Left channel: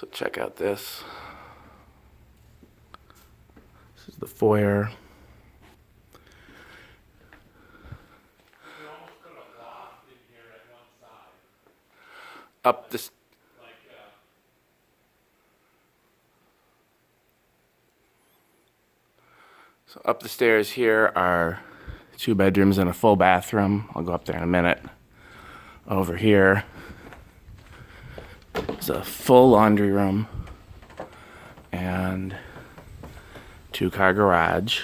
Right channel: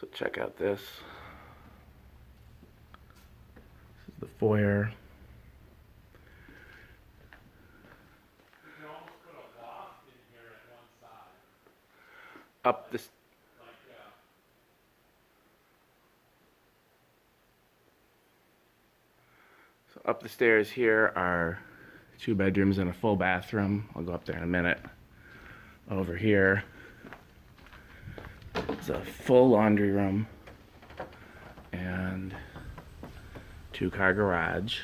So check out this. This is the foyer. You almost put a loft in here at one side. Up this. So up the stairs here are 2 bedrooms and a full bathroom. I'll go up there in a minute. Over here is a full laundry room and 2-car garage.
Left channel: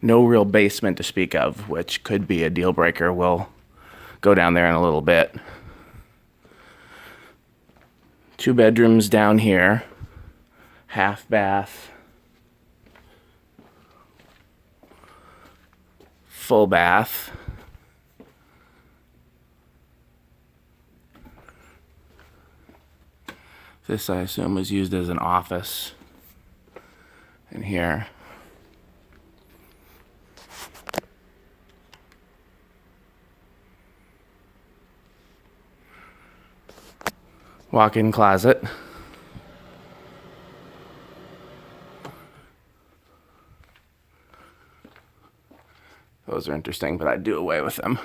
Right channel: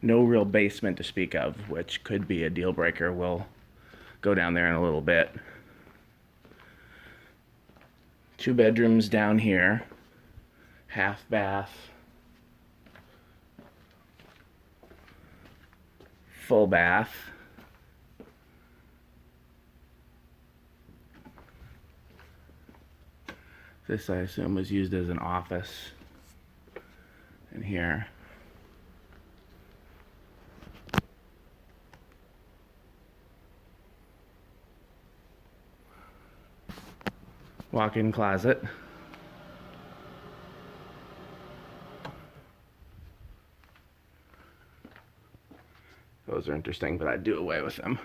No real basement to speak of, which could be a deal breaker. We'll go down there in a little bit. 2 bedrooms down here. Half bath. Full bath. This, I assume, was used as an office in here. Walk-in closet. Those are interesting, but I'd do away with them.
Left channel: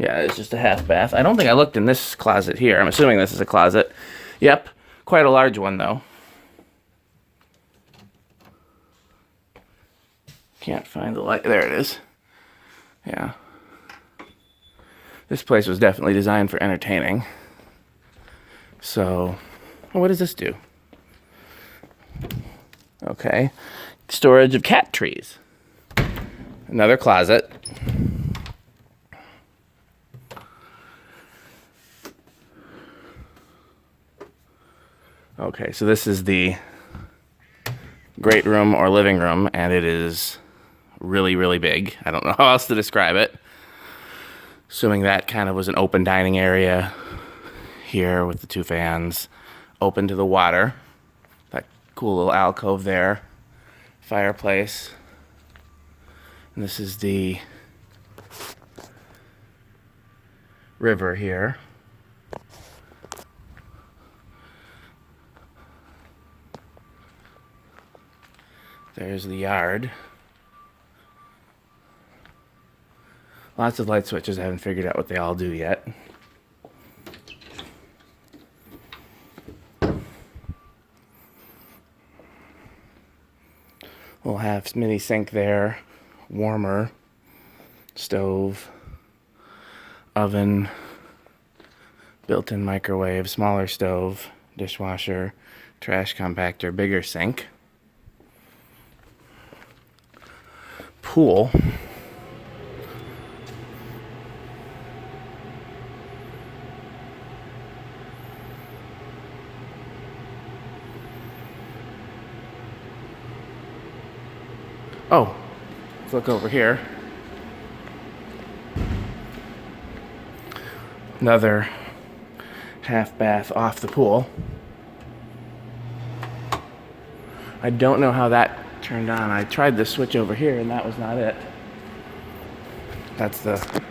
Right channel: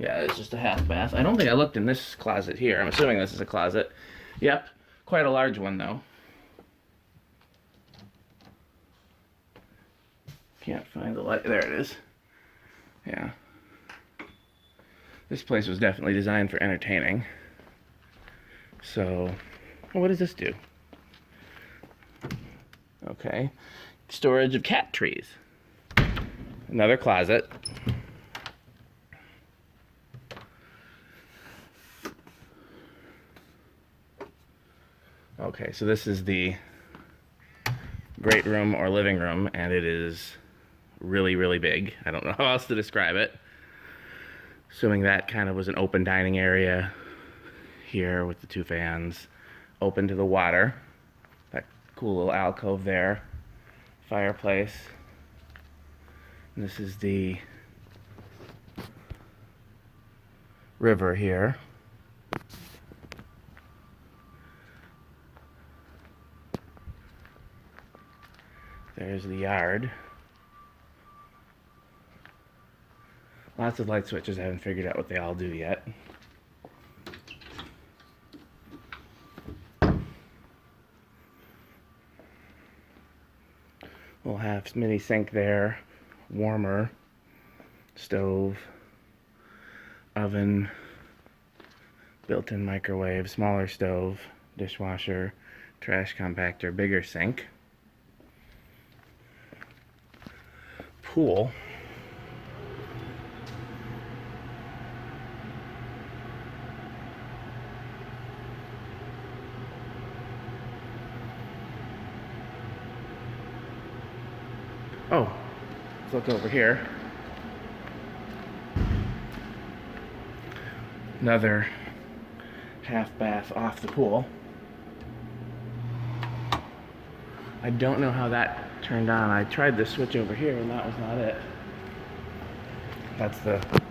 Yeah, it's just a half bath. I don't think I looked in this closet here. I'm assuming this is a closet. Yep, quite a large one though. Can't find the light. There it is. Yeah. This place was definitely designed for entertaining. So, what does this do? Okay. Storage of cat trees. Another closet. Okay, so this is the great room or living room, and it is really, really big. I don't know how else to describe it. Assuming that kind of was an open dining area here with the 2 fans, open to the water. That cool little alcove there. Fireplace. And this is the river here. There's the yard. Lots of light switches. I haven't figured out what they all do yet. We'll have mini sink there, warmer, stove, oven, built-in microwave, smaller stove, dishwasher, trash compactor, bigger sink. Pool. Oh, let's look over here. Another half bath off the pool. I don't know how that turned on. I tried the switch over here and that was not it. That's the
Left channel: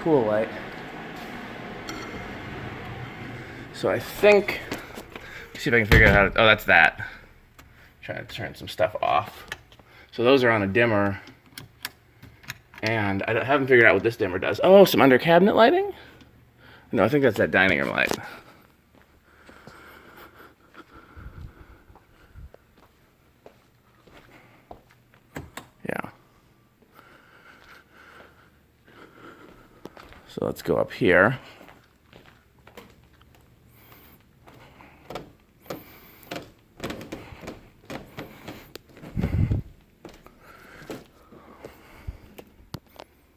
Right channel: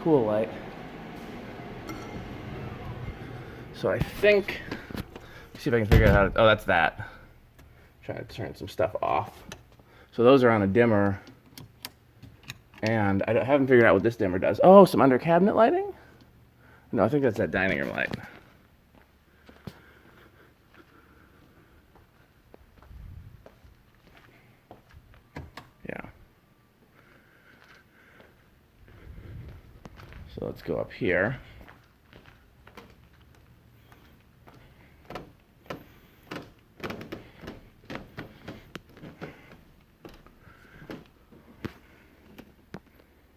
pool light. So I think, let's see if I can figure out how to, oh, that's that. Trying to turn some stuff off. So those are on a dimmer, and I haven't figured out what this dimmer does. Oh, some under cabinet lighting? No, I think that's that dining room light. Yeah. So let's go up here.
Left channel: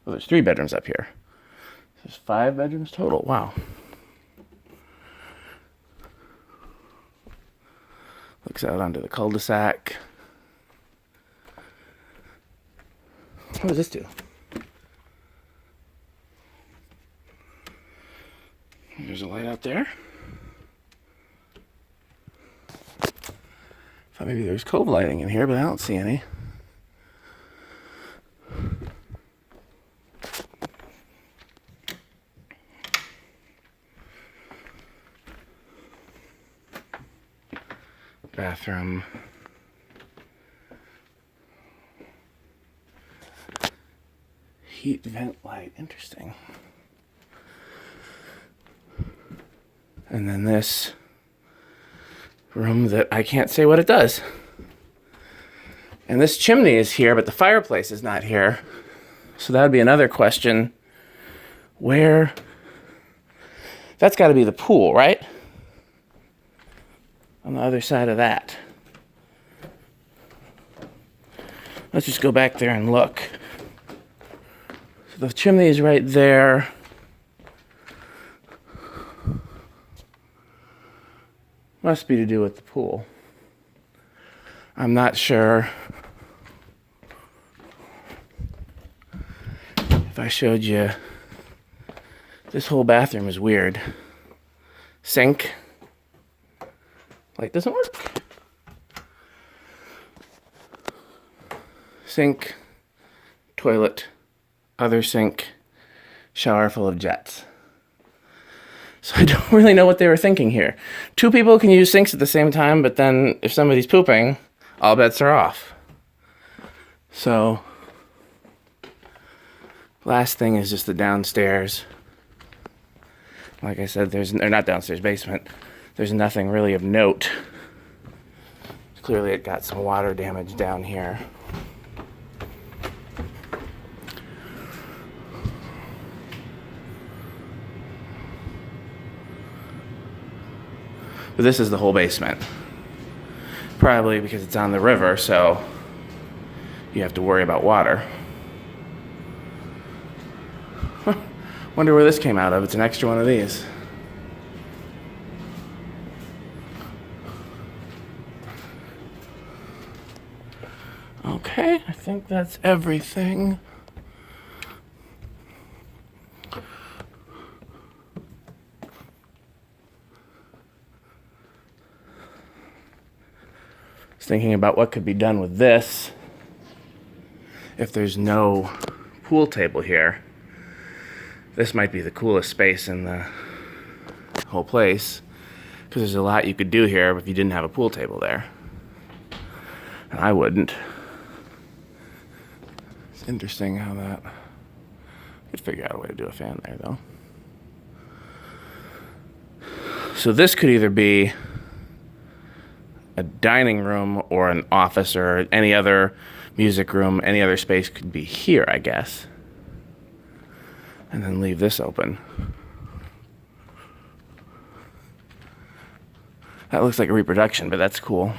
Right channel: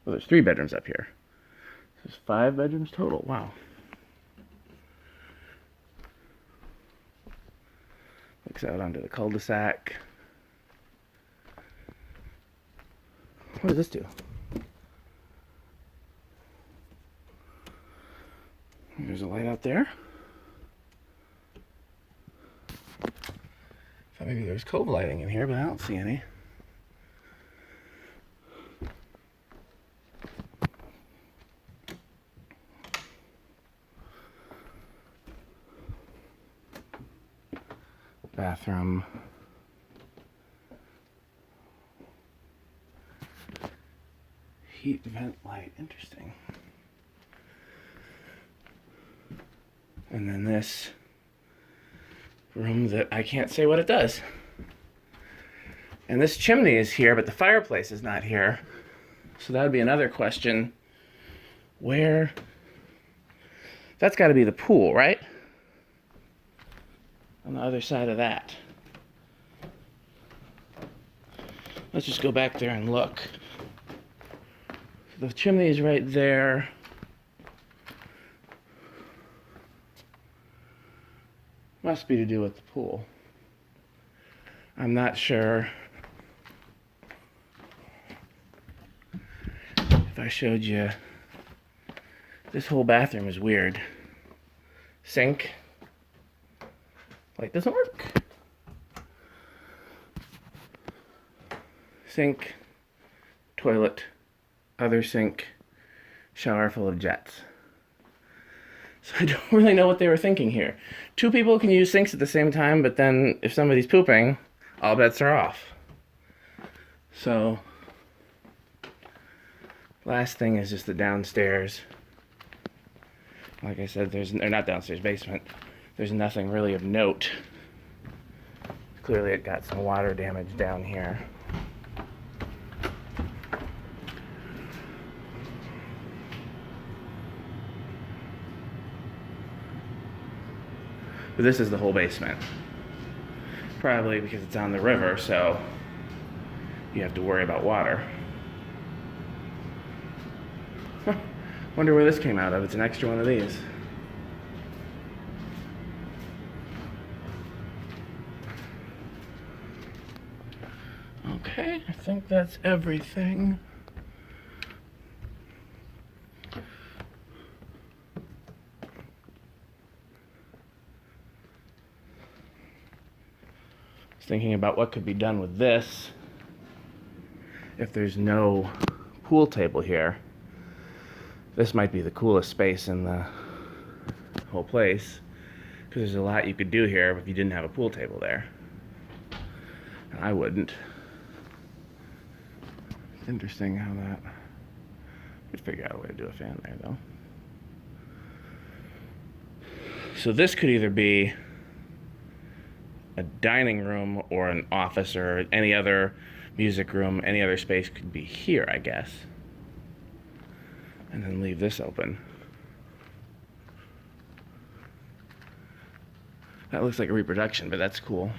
Well, there's 3 bedrooms up here. There's 5 bedrooms total. Wow. Looks out onto the cul-de-sac. What does this do? There's a light out there. Thought maybe there's cove lighting in here, but I don't see any. bathroom. Heat vent light, interesting. And then this room that I can't say what it does. And this chimney is here, but the fireplace is not here. So that would be another question. Where? That's got to be the pool, right? On the other side of that. Let's just go back there and look. So the chimney is right there. Must be to do with the pool. I'm not sure. If I showed you, this whole bathroom is weird. Sink. Light doesn't work. Sink, toilet, other sink, shower full of jets. So I don't really know what they were thinking here. Two people can use sinks at the same time, but then if somebody's pooping, all bets are off. So, last thing is just the downstairs. Like I said, or not downstairs, basement. There's nothing really of note. Clearly it got some water damage down here. But this is the whole basement. Probably because it's on the river, so you have to worry about water. Huh. Wonder where this came out of. It's an extra one of these. Okay, I think that's everything. Thinking about what could be done with this if there's no pool table here. This might be the coolest space in the whole place because there's a lot you could do here if you didn't have a pool table there. And I wouldn't. It's interesting how that... Could figure out a way to do a fan there though. So this could either be a dining room or an office or any other music room, any other space could be here, I guess. And then leave this open. That looks like a reproduction, but that's cool.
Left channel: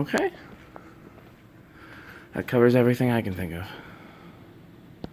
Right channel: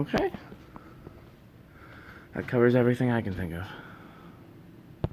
Okay. That covers everything I can think of.